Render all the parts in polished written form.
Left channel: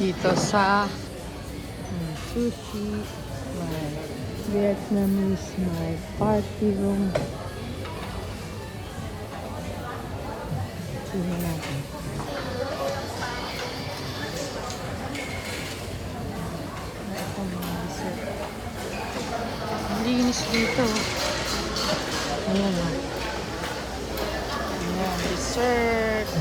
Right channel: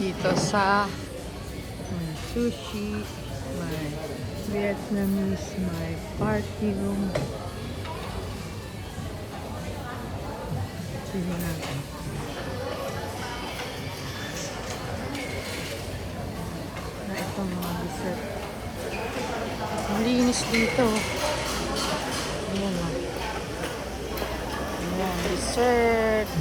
dito sa sushi, may Vietnamese, may party room. Tingnan natin. Na itong mga dessert. Ang linis dito. Ayan o. Ayan, dessert.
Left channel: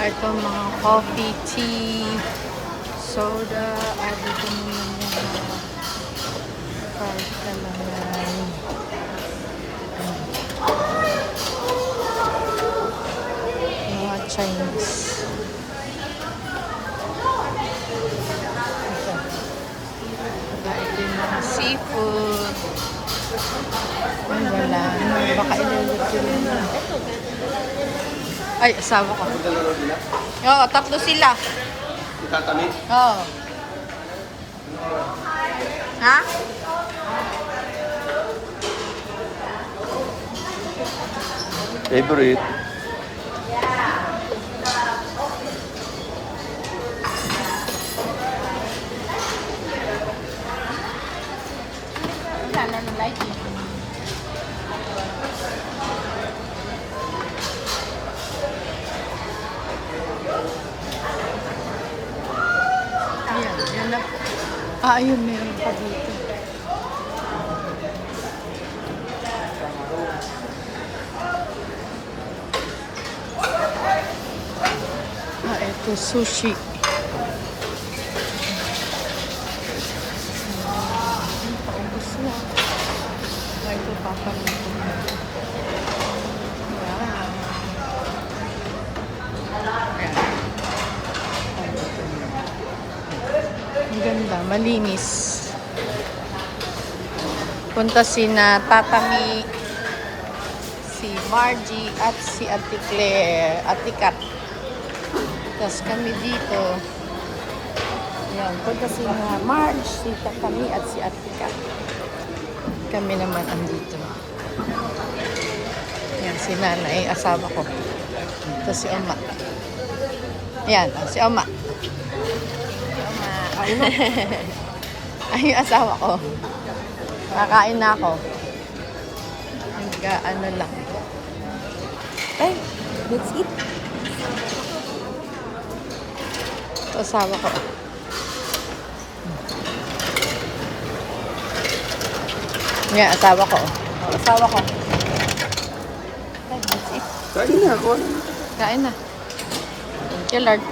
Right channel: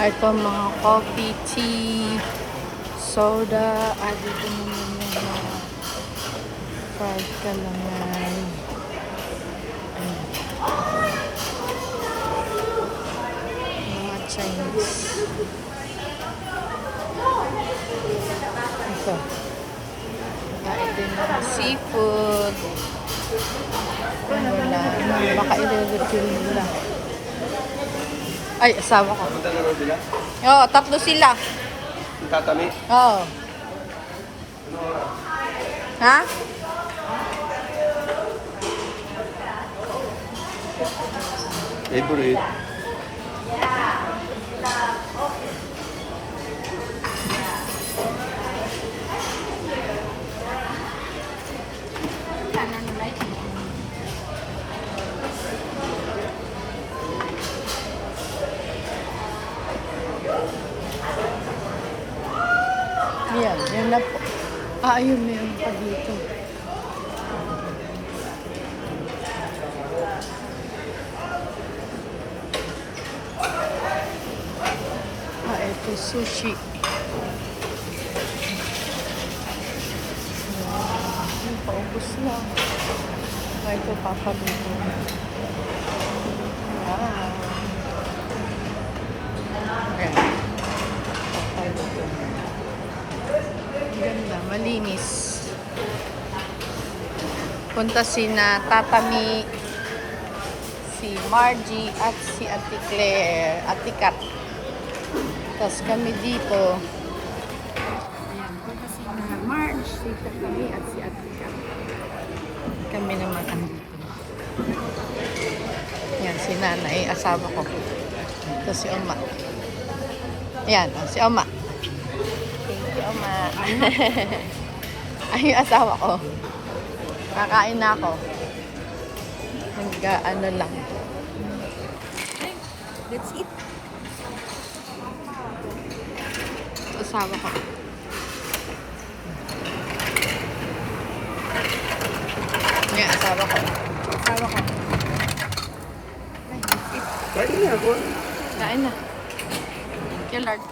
Ito mga coffee, tea, soda. Dito naman yung mga fried kalangan. Mga Chinese. Ito. Ito yung mga seafood. Wala. Baka i-refill nila. Ay, asawa ko. Oo, tatlo sila. Tatami? Oo. Ha? Favorite? Ayan, yun na po. Ayun, meron pa dito. Ito, sushi. Ayan, paubos na. Ito, papaluto. Wow. Ayan. Papaluto na. Ang ganda, malinis. Punta sina Tatami, si Margie at si Ate Claire, Ate Kat. Tapos kami dito. Yan, punta sina Marge, si Tatami at si Ate Kat. Kami naman andito. Yan, si Nanay, asawa ko. Ito si Oma. Yan, si Oma. Thank you, Oma. Ay, yung asawa ko. Kakain na ako. Nag-ano lang. Ay, let's eat. Ito, asawa ko. Yan, asawa ko. Asawa ko. Ay, let's eat. Kain na ako. Kain na. Thank you, Lord.